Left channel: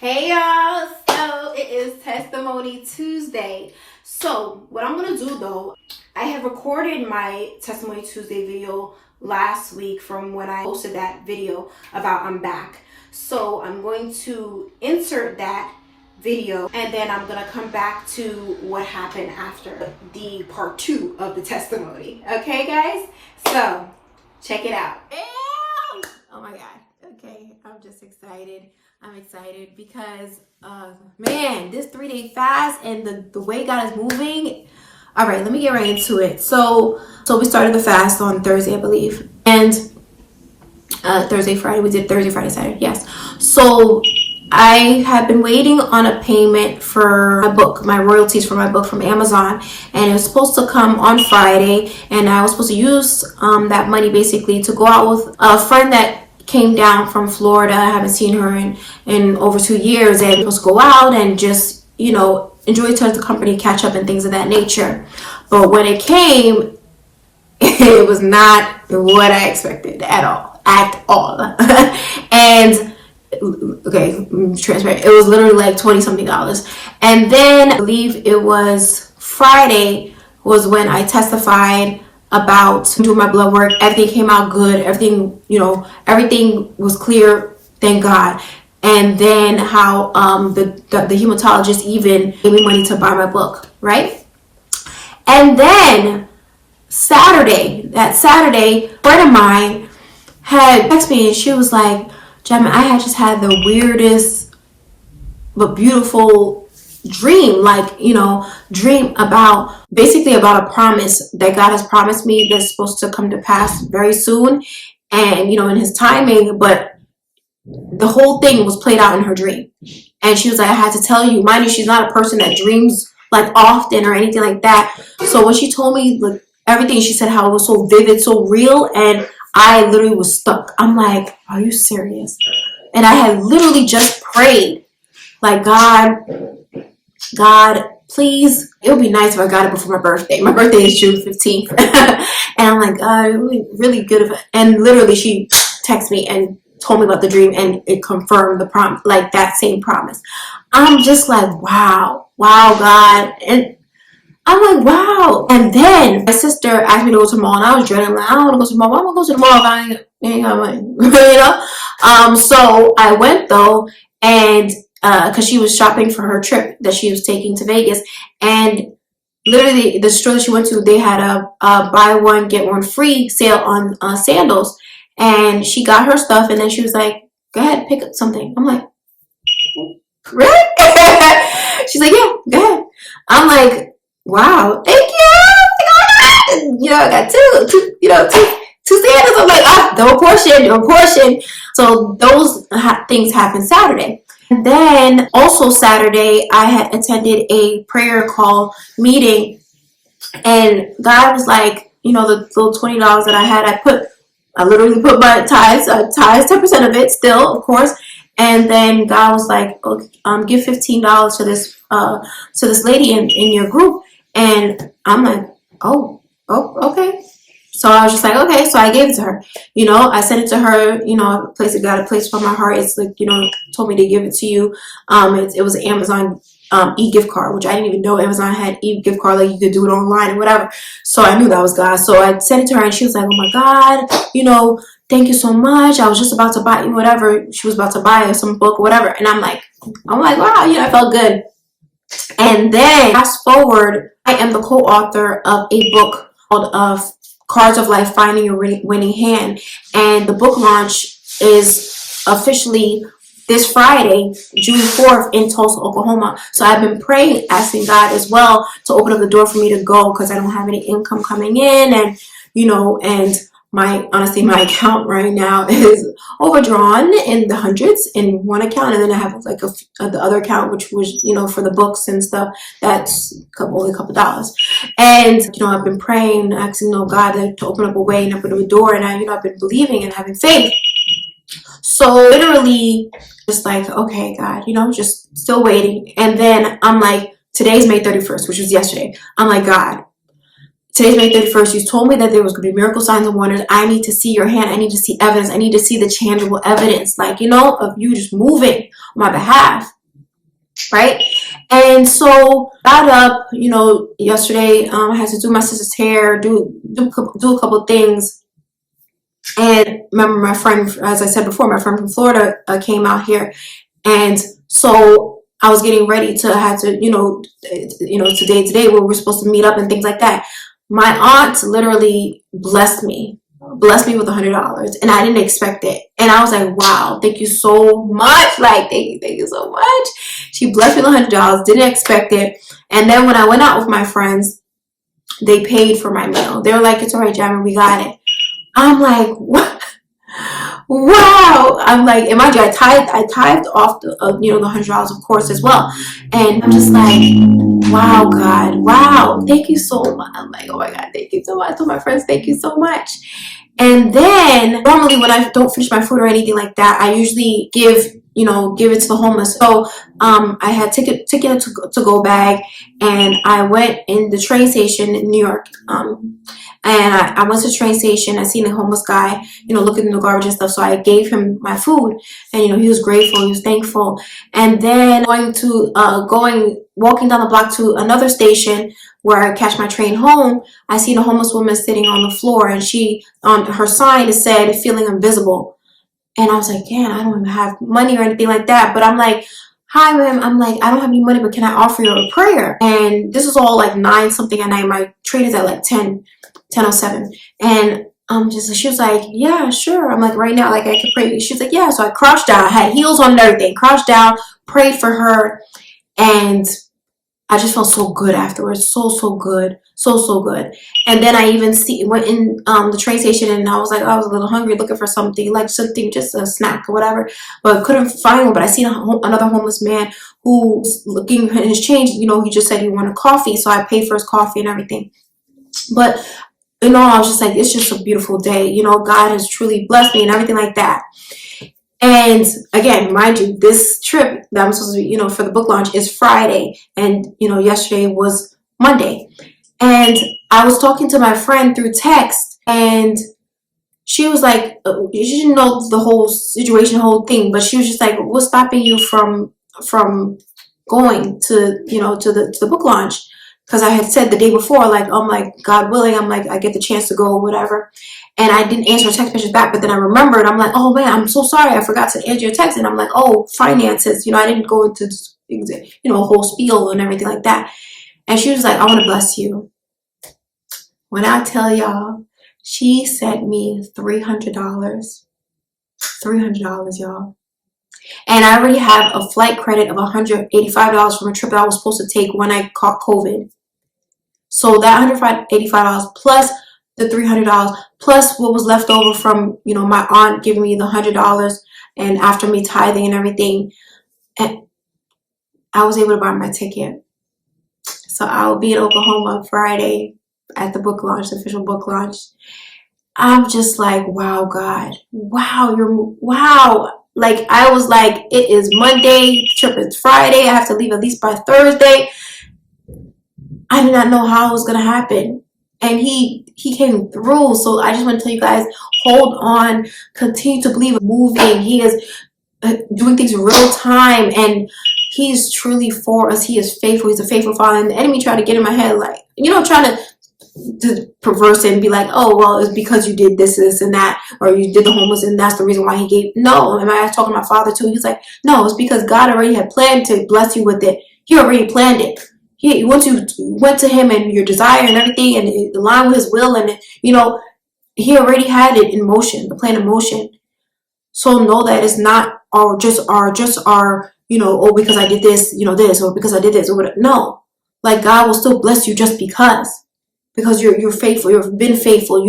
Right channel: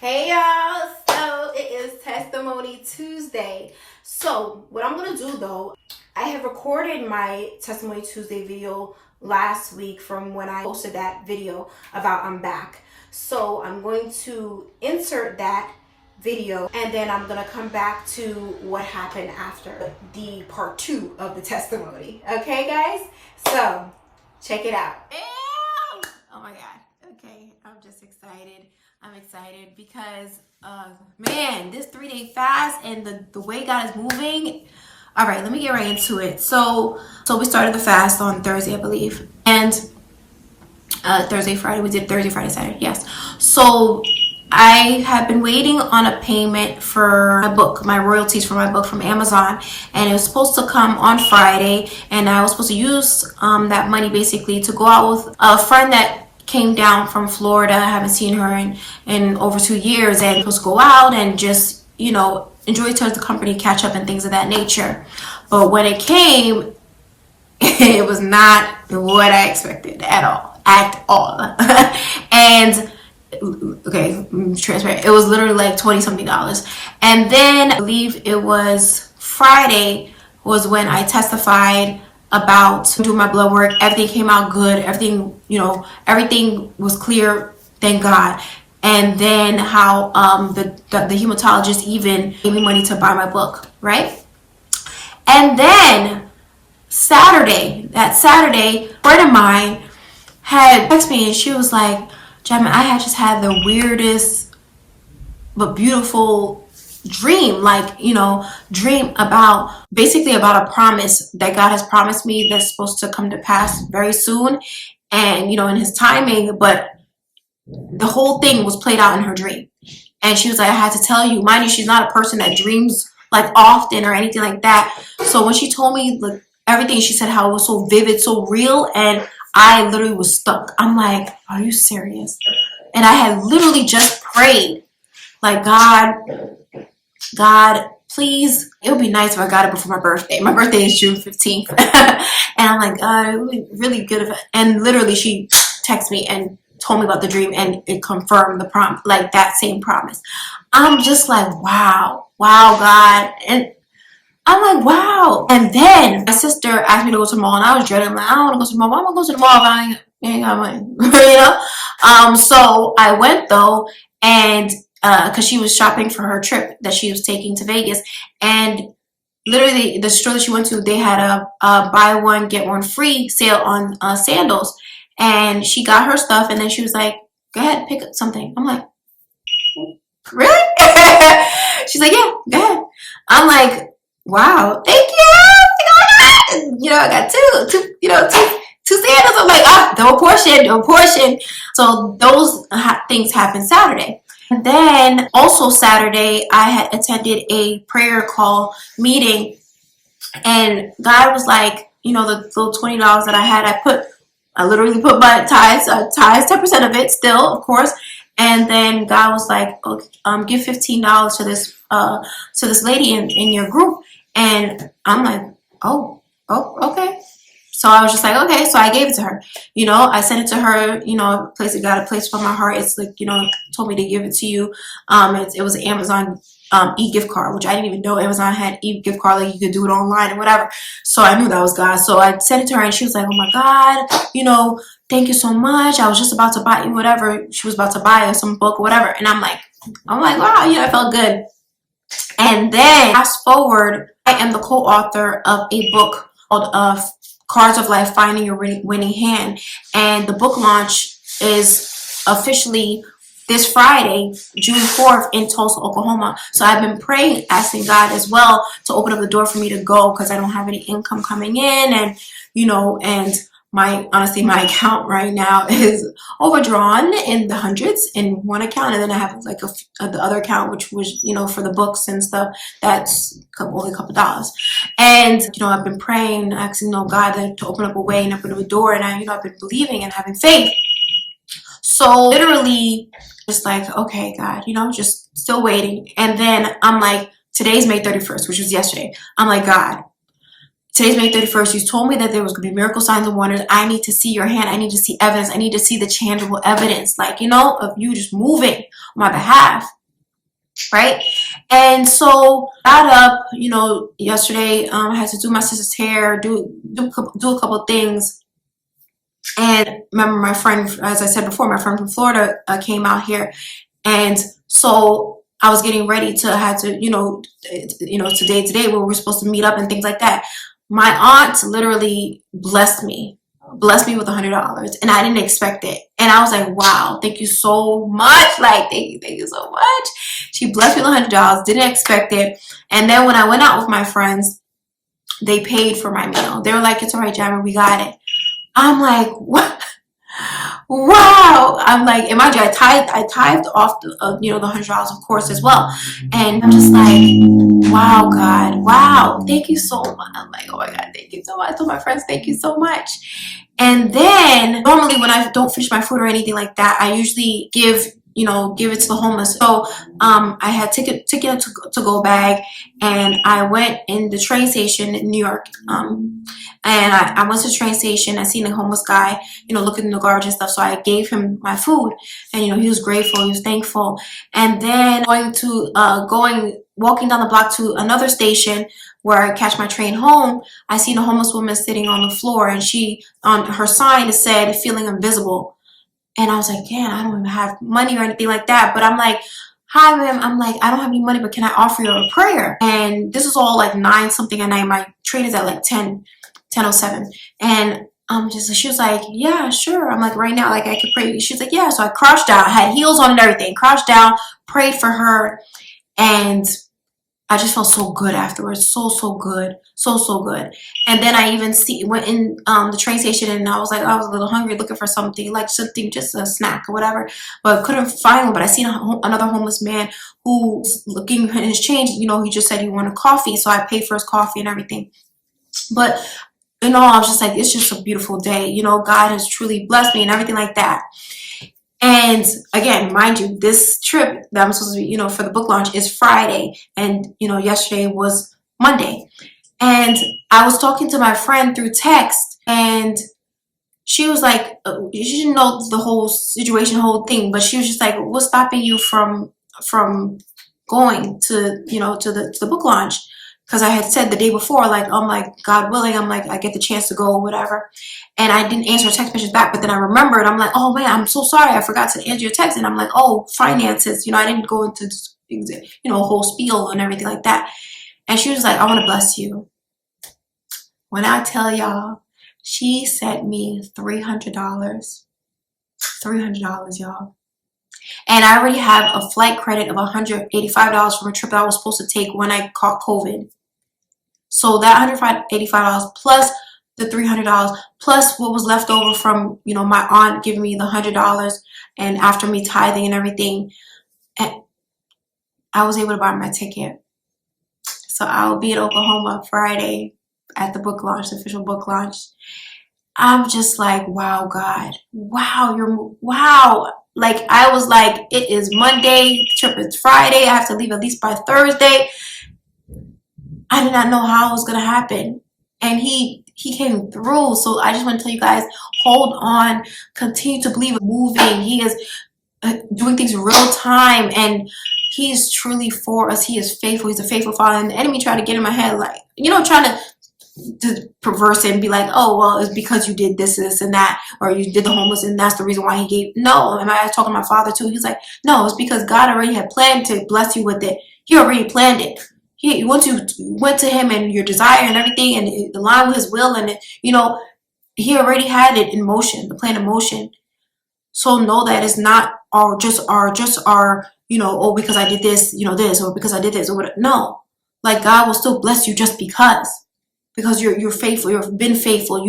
Hey y'all, so it is Testimony Tuesday. So what I'm gonna do though, I have recorded my Testimony Tuesday video last week from when I posted that video about I'm back. So I'm going to insert that video and then I'm gonna come back to what happened after the part 2 of the testimony. Okay guys, so check it out. Oh my god, okay, I'm just excited. I'm excited because, man, this 3-day fast and the way God is moving. All right, let me get right into it. So we started the fast on Thursday, I believe. And Thursday, Friday, we did Thursday, Friday, Saturday, yes. So I had been waiting on a payment for my book, my royalties for my book from Amazon. And it was supposed to come on Friday. And I was supposed to use that money basically to go out with a friend that came down from Florida. I haven't seen her in over 2 years, and let's go out and just, enjoy each other's company, catch up and things of that nature. But when it came, it was not what I expected at all. And okay, transparent. It was literally like $20 something. And then I believe it was Friday was when I testified about doing my blood work. Everything came out good. Everything, everything was clear. Thank God. And then how the hematologist even gave me money to buy my book, right? And then that Saturday, a friend of mine had texted me and she was like, Jasmine, I had just had the weirdest but beautiful dream, dream about a promise that God has promised me that's supposed to come to pass very soon, and in his timing. But the whole thing was played out in her dream, and she was like, I had to tell you. Mind you, she's not a person that dreams like often or anything like that. So when she told me like everything, she said how it was so vivid, so real, and I literally was stuck. I'm like, are you serious? And I had literally just prayed like, God, please, it would be nice if I got it before my birthday. My birthday is June 15th. And I'm like, it would be really good if, and literally she texted me and told me about the dream, and it confirmed the prom, like that same promise. I'm just like, wow, God. And I'm like, wow. And then my sister asked me to go to the mall, and I was dreading, like, I don't want to go to the mall. Why am I going to the mall if I ain't got money? So I went though, and because she was shopping for her trip that she was taking to Vegas, and literally the store that she went to, they had a buy one get one free sale on sandals, and she got her stuff, and then she was like, go ahead, pick up something. I'm like, really? She's like, yeah, go ahead. I'm like, wow, thank you. I got two sandals. I'm like, double portion. So those things happened Saturday. And then also Saturday, I had attended a prayer call meeting, and God was like, the little $20 that I had, I literally put my tithes 10% of it still, of course. And then God was like, give $15 to this lady in your group. And I'm like, oh, okay. So I was just like, okay. So I gave it to her. I sent it to her, a place that got a place from my heart. It's like, told me to give it to you. It was an Amazon e-gift card, which I didn't even know Amazon had e-gift card. Like you could do it online and whatever. So I knew that was God. So I sent it to her, and she was like, oh my God, thank you so much. I was just about to buy whatever. She was about to buy some book or whatever. And I'm like, wow, I felt good. And then fast forward, I am the co-author of a book called Cards of Life, Finding Your Winning Hand. And the book launch is officially this Friday, June 4th in Tulsa, Oklahoma. So I've been praying, asking God as well to open up the door for me to go, because I don't have any income coming in, and and my account right now is overdrawn in the hundreds in one account, and then I have like the other account, which was for the books and stuff, that's only a couple dollars. And I've been praying, asking God to open up a way and open up a door, and I've been believing and having faith. So literally just like, okay, God, just still waiting. And then I'm like, today's May 31st, which was yesterday. I'm like, God, today's May 31st. You told me that there was going to be miracle signs and wonders. I need to see your hand. I need to see evidence. I need to see the tangible evidence, like, of you just moving on my behalf. Right? And so got up, yesterday, I had to do my sister's hair, do a couple things. And remember, my friend, as I said before, my friend from Florida came out here. And so I was getting ready to have to, today where we're supposed to meet up and things like that. My aunt literally blessed me with $100, and I didn't expect it. And I was like, wow, thank you so much. Like, thank you so much. She blessed me with $100, didn't expect it. And then when I went out with my friends, they paid for my meal. They were like, it's all right, Jammer, we got it. I'm like, what? Wow. I'm like, and mind you, I tithed off the $100, of course, as well. And I'm just like, wow, God, wow, thank you so much. I'm like, oh my God, thank you so much. I told my friends, thank you so much. And then normally when I don't finish my food or anything like that, I usually give it to the homeless. So I had ticket to go bag, and I went in the train station in New York. And I went to the train station. I seen a homeless guy, looking in the garbage and stuff. So I gave him my food, and he was grateful. He was thankful. And then walking down the block to another station where I catch my train home, I seen a homeless woman sitting on the floor, and she, on her sign, said, feeling invisible. And I was like, damn, I don't even have money or anything like that. But I'm like, hi, ma'am. I'm like, I don't have any money, but can I offer you a prayer? And this was all like 9 something at night. My train is at like 10:07. And she was like, yeah, sure. I'm like, right now, like, I could pray. She's like, yeah. So I crouched down. I had heels on and everything. Crouched down, prayed for her. And I just felt so good afterwards. So good. So good. And then I even went in the train station, and I was like, I was a little hungry, looking for something, just a snack or whatever, but couldn't find one. But I seen another homeless man who was looking in his change. He just said he wanted coffee. So I paid for his coffee and everything. But I was just like, it's just a beautiful day. God has truly blessed me and everything like that. And again, mind you, this trip that I'm supposed to be, for the book launch is Friday. And, yesterday was Monday. And I was talking to my friend through text, and she was like, she didn't know the whole situation, the whole thing, but she was just like, what's stopping you from going to, to the book launch? Because I had said the day before, like, I'm like, God willing, I'm like, I get the chance to go, whatever. And I didn't answer a text message back, but then I remembered, I'm like, oh man, I'm so sorry, I forgot to answer your text. And I'm like, oh, finances, I didn't go into, a whole spiel and everything like that. And she was like, I want to bless you. When I tell y'all, she sent me $300. $300, y'all. And I already have a flight credit of $185 from a trip that I was supposed to take when I caught COVID. So that $185 plus the $300 plus what was left over from, my aunt giving me the $100, and after me tithing and everything, and I was able to buy my ticket. So I will be in Oklahoma Friday at the book launch, the official book launch. I'm just like, wow, God, wow. Like, I was like, it is Monday, the trip is Friday, I have to leave at least by Thursday. I did not know how it was going to happen. And he came through. So I just want to tell you guys, hold on, continue to believe, moving. He is doing things in real time, and he is truly for us. He is faithful. He's a faithful Father. And the enemy tried to get in my head, like, trying to perverse it and be like, oh, well, it's because you did this and that, or you did the homeless, and that's the reason why he gave. No, and I was talking to my father too. He's like, no, it's because God already had planned to bless you with it. He already planned it. Once you went to him and your desire and everything, and it aligned with his will, and he already had it in motion, the plan in motion. So know that it's not just our oh, because I did this, this, or because I did this, or whatever. No, like, God will still bless you just because you're faithful. You've been faithful.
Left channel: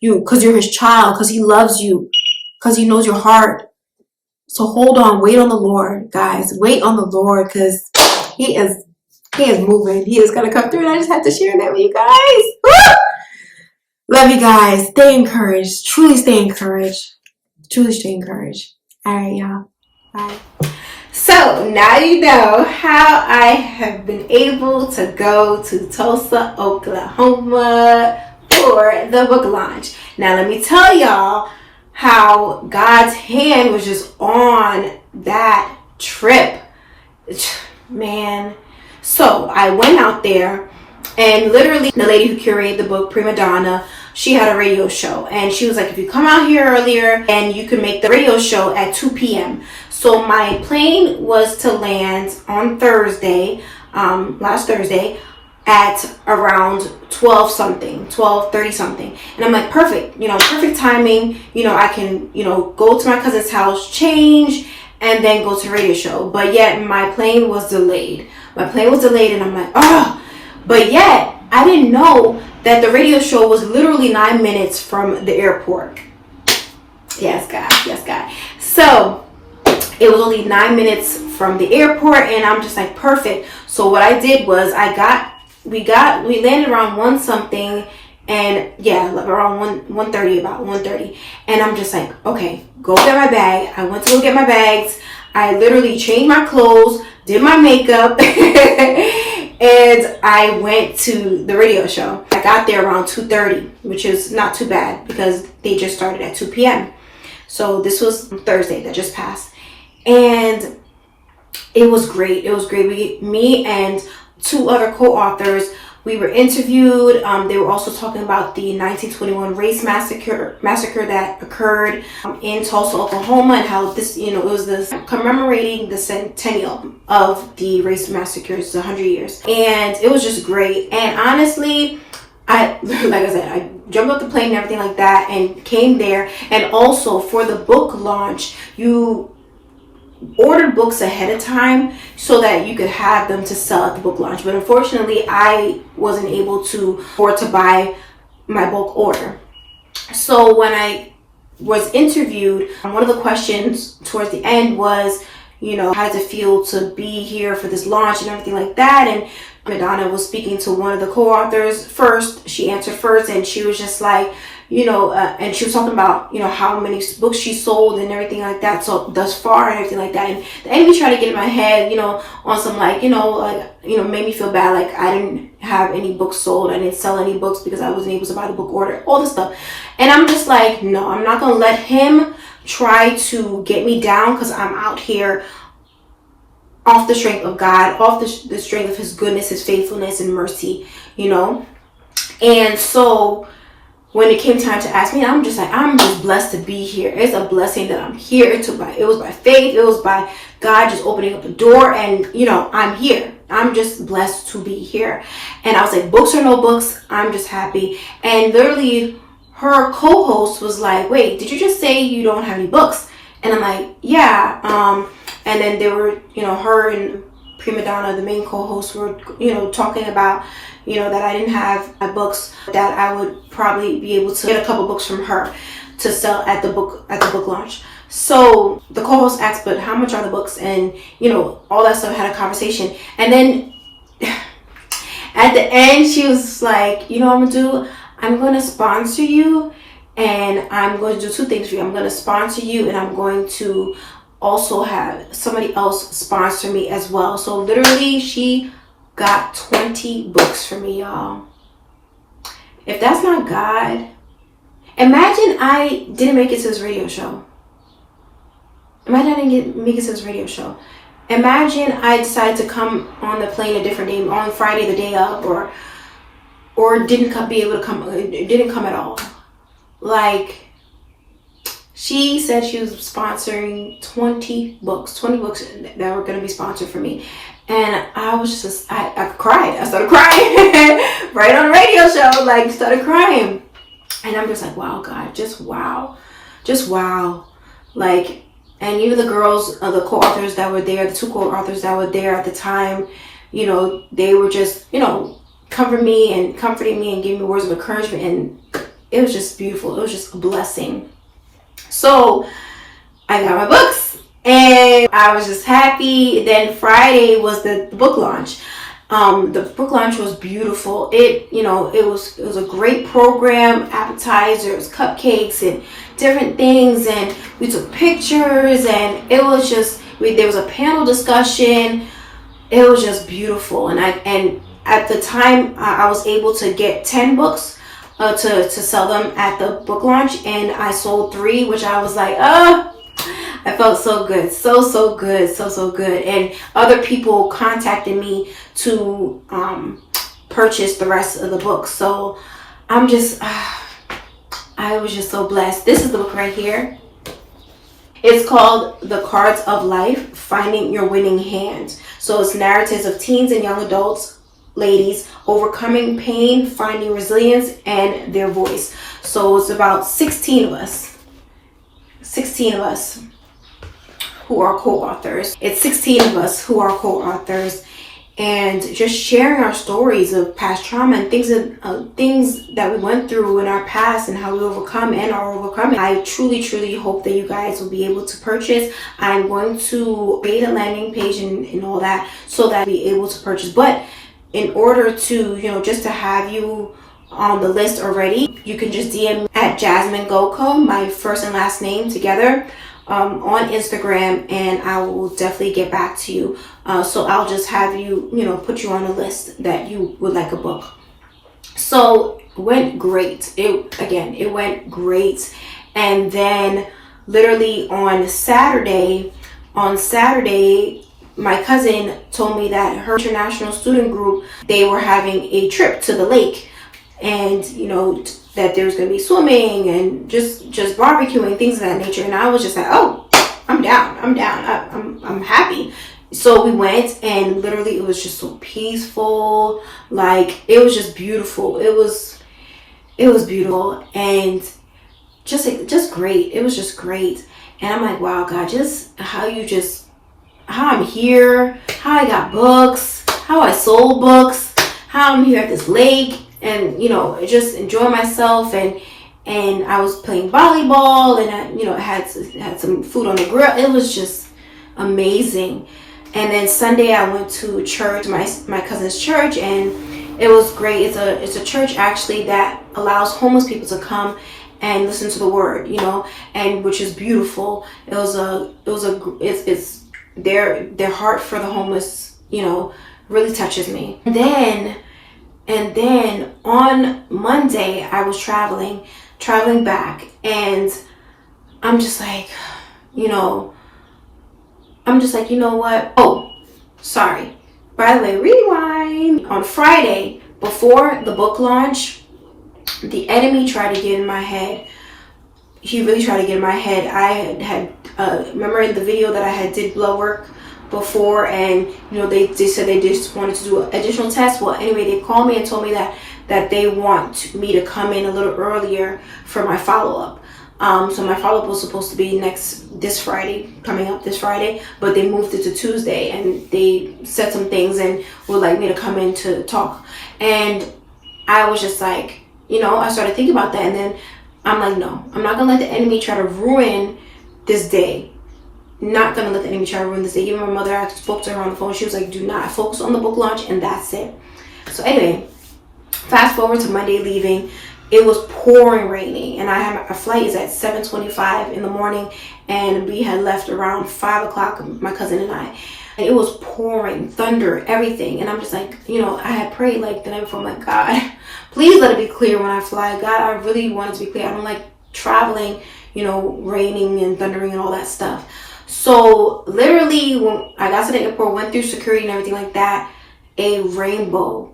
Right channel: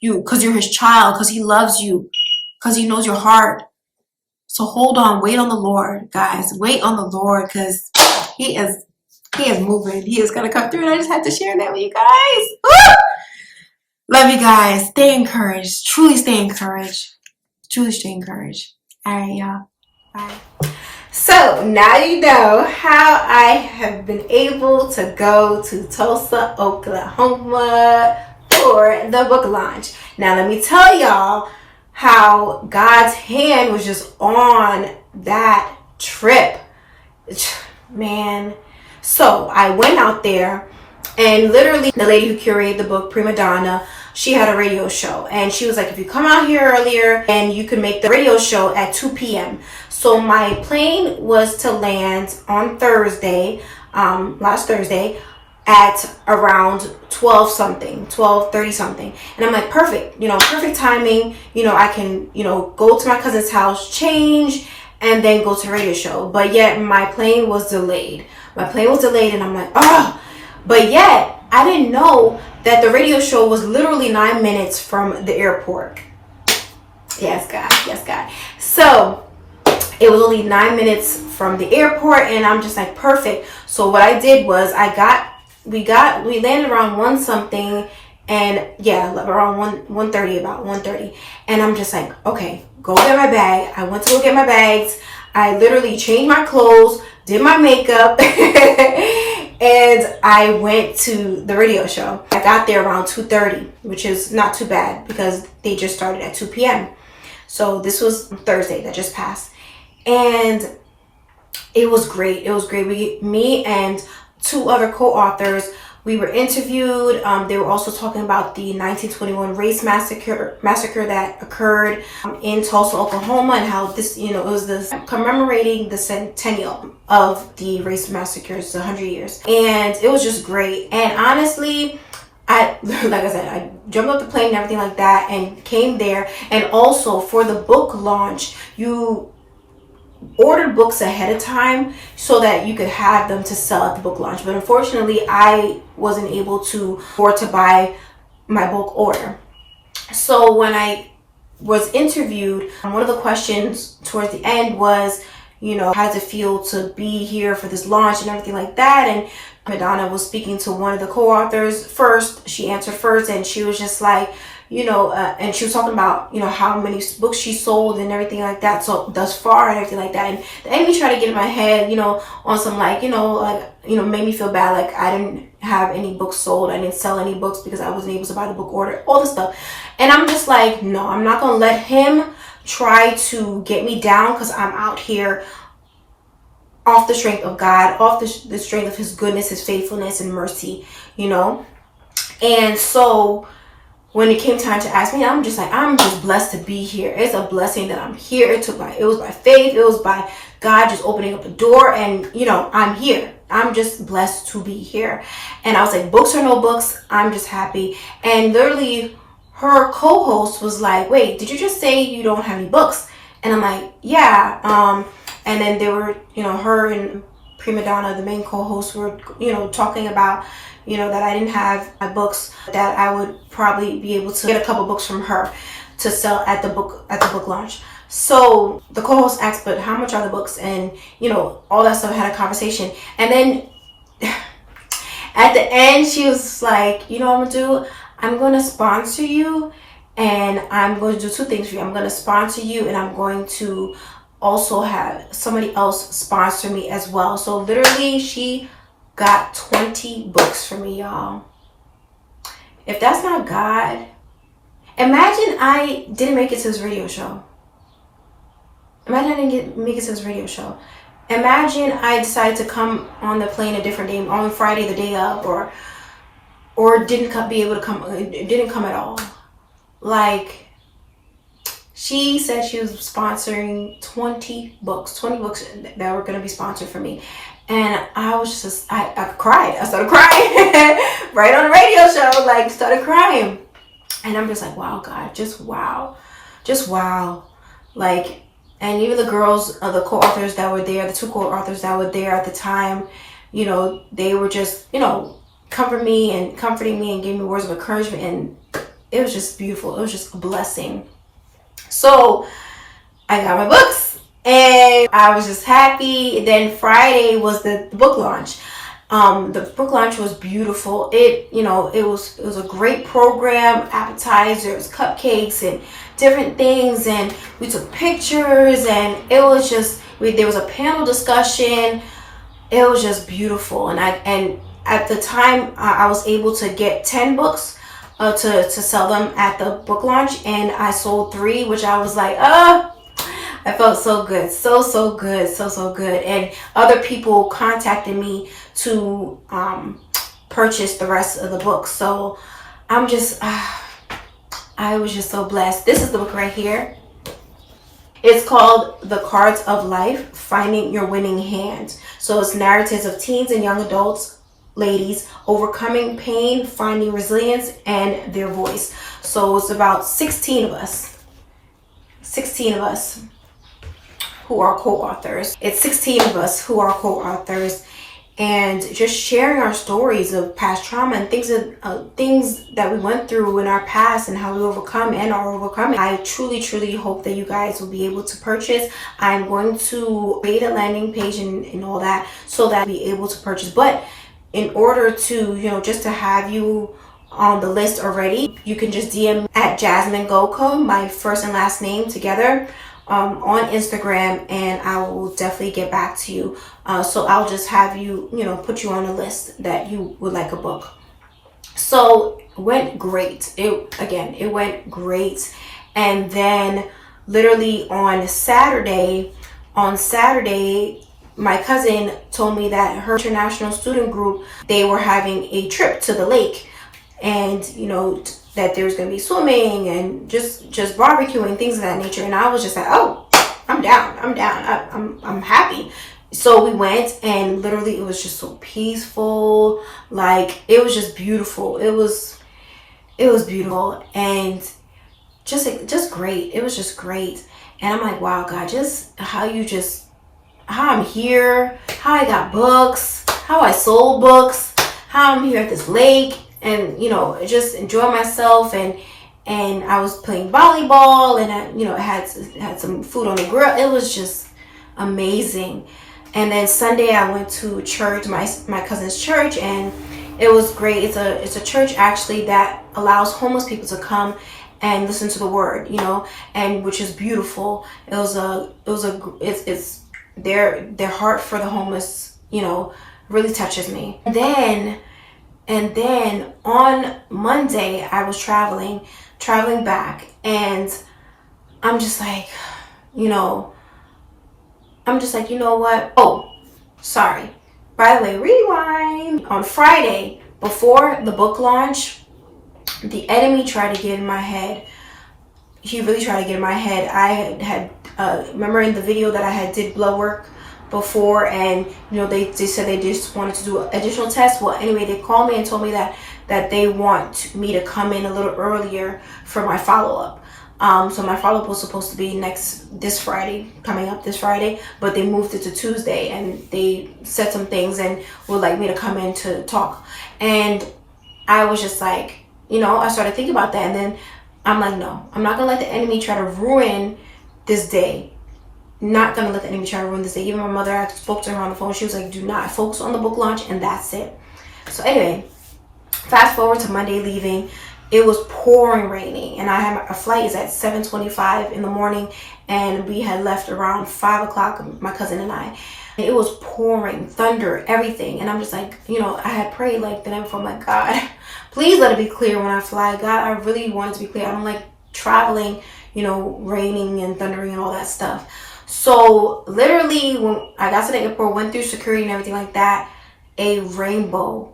Because you're his child, because he loves you, because he knows your heart. So hold on, wait on the Lord, guys. Wait on the Lord, because he is moving. He is going to come through, and I just had to share that with you guys. Woo! Love you guys. Stay encouraged. Truly stay encouraged. Truly stay encouraged. All right, y'all. Bye. So now you know how I have been able to go to Tulsa, Oklahoma for the book launch. Now let me tell y'all how God's hand was just on that trip. Man. So I went out there, and literally the lady who curated the book, Prima Donna, she had a radio show, and she was like, if you come out here earlier and you can make the radio show at 2 p.m. So my plane was to land on Thursday, last Thursday, at around 12:30 something. And I'm like, perfect, perfect timing. I can, go to my cousin's house, change, and then go to the radio show. But yet my plane was delayed. And I'm like, oh, but yet I didn't know that the radio show was literally 9 minutes from the airport. Yes, God. So it was only 9 minutes from the airport, and I'm just like, perfect. So what I did was we landed around 1 something, and around 1:30, about 1:30. And I'm just like, okay, go get my bag. I went to go get my bags. I literally changed my clothes, did my makeup, and I went to the radio show. I got there around 2:30, which is not too bad because they just started at 2 p.m. So this was Thursday that just passed. And it was great. Me and 2 other co-authors, we were interviewed. They were also talking about the 1921 race massacre that occurred in Tulsa, Oklahoma, and how this, it was this commemorating the centennial of the race massacres, 100 years. And it was just great. And honestly, I jumped off the plane and everything like that and came there. And also for the book launch, you ordered books ahead of time so that you could have them to sell at the book launch. But unfortunately, I wasn't able to afford to buy my bulk order. So when I was interviewed, one of the questions towards the end was, how does it feel to be here for this launch and everything like that? And Madonna was speaking to one of the co-authors first. She answered first, and she was just like, and she was talking about, how many books she sold and everything like that. So thus far and everything like that. And the enemy tried to get in my head, on some made me feel bad. Like I didn't have any books sold. I didn't sell any books because I wasn't able to buy the book order, all this stuff. And I'm just like, no, I'm not going to let him try to get me down, because I'm out here off the strength of God, off the strength of his goodness, his faithfulness and mercy, And so when it came time to ask me, I'm just blessed to be here. It's a blessing that I'm here. It was by faith. It was by God just opening up the door, and I'm here. I'm just blessed to be here. And I was like, books or no books, I'm just happy. And literally her co-host was like, wait, did you just say you don't have any books? And I'm like, yeah. And then they were, her and Prima Donna, the main co-hosts, were, talking about, that I didn't have my books, that I would probably be able to get a couple books from her to sell at the book launch. So the co-host asked, but how much are the books? And, all that stuff, had a conversation. And then at the end, she was like, what I'm going to do? I'm going to sponsor you, and I'm going to do 2 things for you. I'm going to sponsor you, and I'm going to also have somebody else sponsor me as well. So literally, she got 20 books for me, y'all. If that's not God, imagine I didn't make it to this radio show. Imagine I decided to come on the plane a different day, on Friday, the day of, or didn't come at all. Like, she said she was sponsoring 20 books that were going to be sponsored for me. And I was just, I cried. I started crying right on the radio show, started crying. And I'm just like, wow, God, just wow. And even the girls, the co-authors that were there, the 2 co-authors that were there at the time, they were just, comforting me and giving me words of encouragement. And it was just beautiful. It was just a blessing. So I got my books, and I was just happy. Then Friday was the book launch. The book launch was beautiful. It was a great program, appetizers, cupcakes, and different things. And we took pictures, and it was There was a panel discussion. It was just beautiful. And at the time, I was able to get 10 books to sell them at the book launch, and I sold 3, which I was like, oh, I felt so good, so good, so good. And other people contacted me to purchase the rest of the books. So I'm just, I was just so blessed. This is the book right here. It's called The Cards of Life, Finding Your Winning Hand. So it's narratives of teens and young adults, ladies, overcoming pain, finding resilience, and their voice. So it's about 16 of us who are co-authors. It's 16 of us who are co-authors, and just sharing our stories of past trauma and things that we went through in our past and how we overcome and are overcoming. I truly hope that you guys will be able to purchase. I'm going to create a landing page and all that so that you'll be able to purchase. But in order to, just to have you on the list already, you can just DM me at Jasmine Goko, my first and last name together, on Instagram, and I will definitely get back to you. So I'll just have you, put you on a list that you would like a book. So it went great. It went great. And then literally on Saturday, my cousin told me that her international student group, they were having a trip to the lake, and that there's going to be swimming and just barbecuing, things of that nature. And I was just like, oh, I'm down. I'm happy. So we went, and literally it was just so peaceful. Like, it was just beautiful. It was beautiful, and just great. It was just great. And I'm like, wow, God, just how I'm here, how I got books, how I sold books, how I'm here at this lake, and just enjoy myself. And I was playing volleyball, and I had some food on the grill. It was just amazing. And then Sunday I went to church, my cousin's church, and it was great. It's a church actually that allows homeless people to come and listen to the word, and which is beautiful. It's their heart for the homeless, really touches me. And then on Monday I was traveling back, and I'm just like, you know what? Oh, sorry. By the way, rewind. On Friday, before the book launch, the enemy tried to get in my head. He really tried to get in my head. I had remember in the video that I had did blood work before, and they said they just wanted to do additional tests. Well, anyway, they called me and told me that they want me to come in a little earlier for my follow-up. So my follow-up was supposed to be coming up this Friday, but they moved it to Tuesday, and they said some things and would like me to come in to talk. And I was just like, I started thinking about that, and then I'm like, no, I'm not gonna let the enemy try to ruin this day. Not gonna let the enemy try to ruin this day. Even my mother, I spoke to her on the phone. She was like, do not focus on the book launch, and that's it. So anyway, fast forward to Monday leaving. It was pouring raining, and I had a flight is at 7:25 in the morning, and we had left around 5 o'clock, my cousin and I. It was pouring, thunder, everything, and I'm just like, I had prayed like the night before. I'm like, God, please let it be clear when I fly. God, I really want it to be clear. I don't like traveling, raining and thundering and all that stuff. So literally, when I got to the airport, went through security and everything like that, a rainbow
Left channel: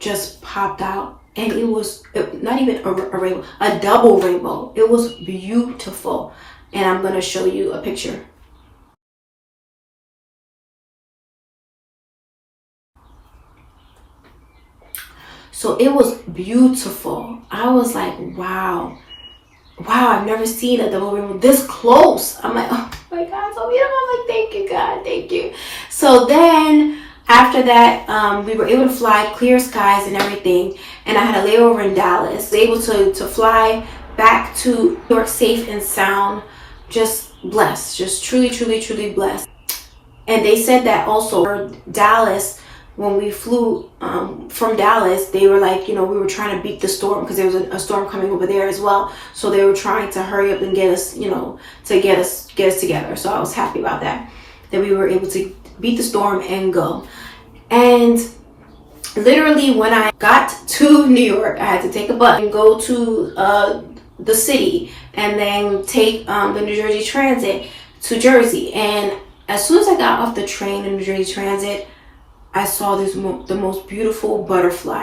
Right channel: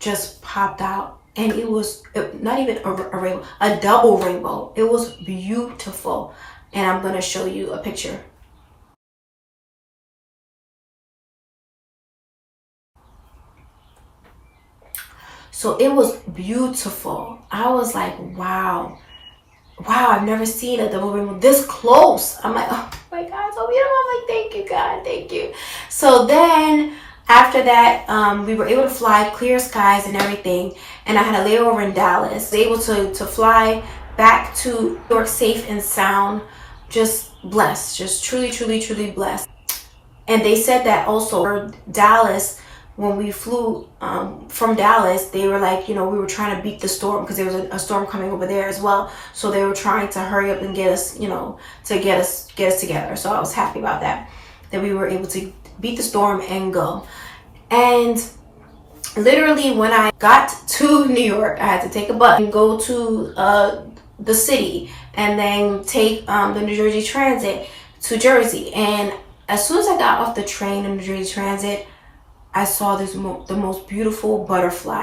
just popped out. And it was not even a rainbow, a double rainbow. It was beautiful. And I'm going to show you a picture. So it was beautiful. I was like, wow, I've never seen a double rainbow this close. I'm like, oh my God, so beautiful. I'm like, thank you, God, thank you. So then after that, we were able to fly, clear skies and everything. And I had a layover in Dallas. Able to fly back to New York safe and sound. Just blessed. Just truly blessed. And they said that also for Dallas, when we flew from Dallas, they were like, we were trying to beat the storm because there was a storm coming over there as well. So they were trying to hurry up and get us, to get us together. So I was happy about that. that we were able to beat the storm and go. And literally when I got to New York, I had to take a bus and go to the city, and then take the New Jersey Transit to Jersey. And as soon as I got off the train in New Jersey Transit, I saw the most beautiful butterfly.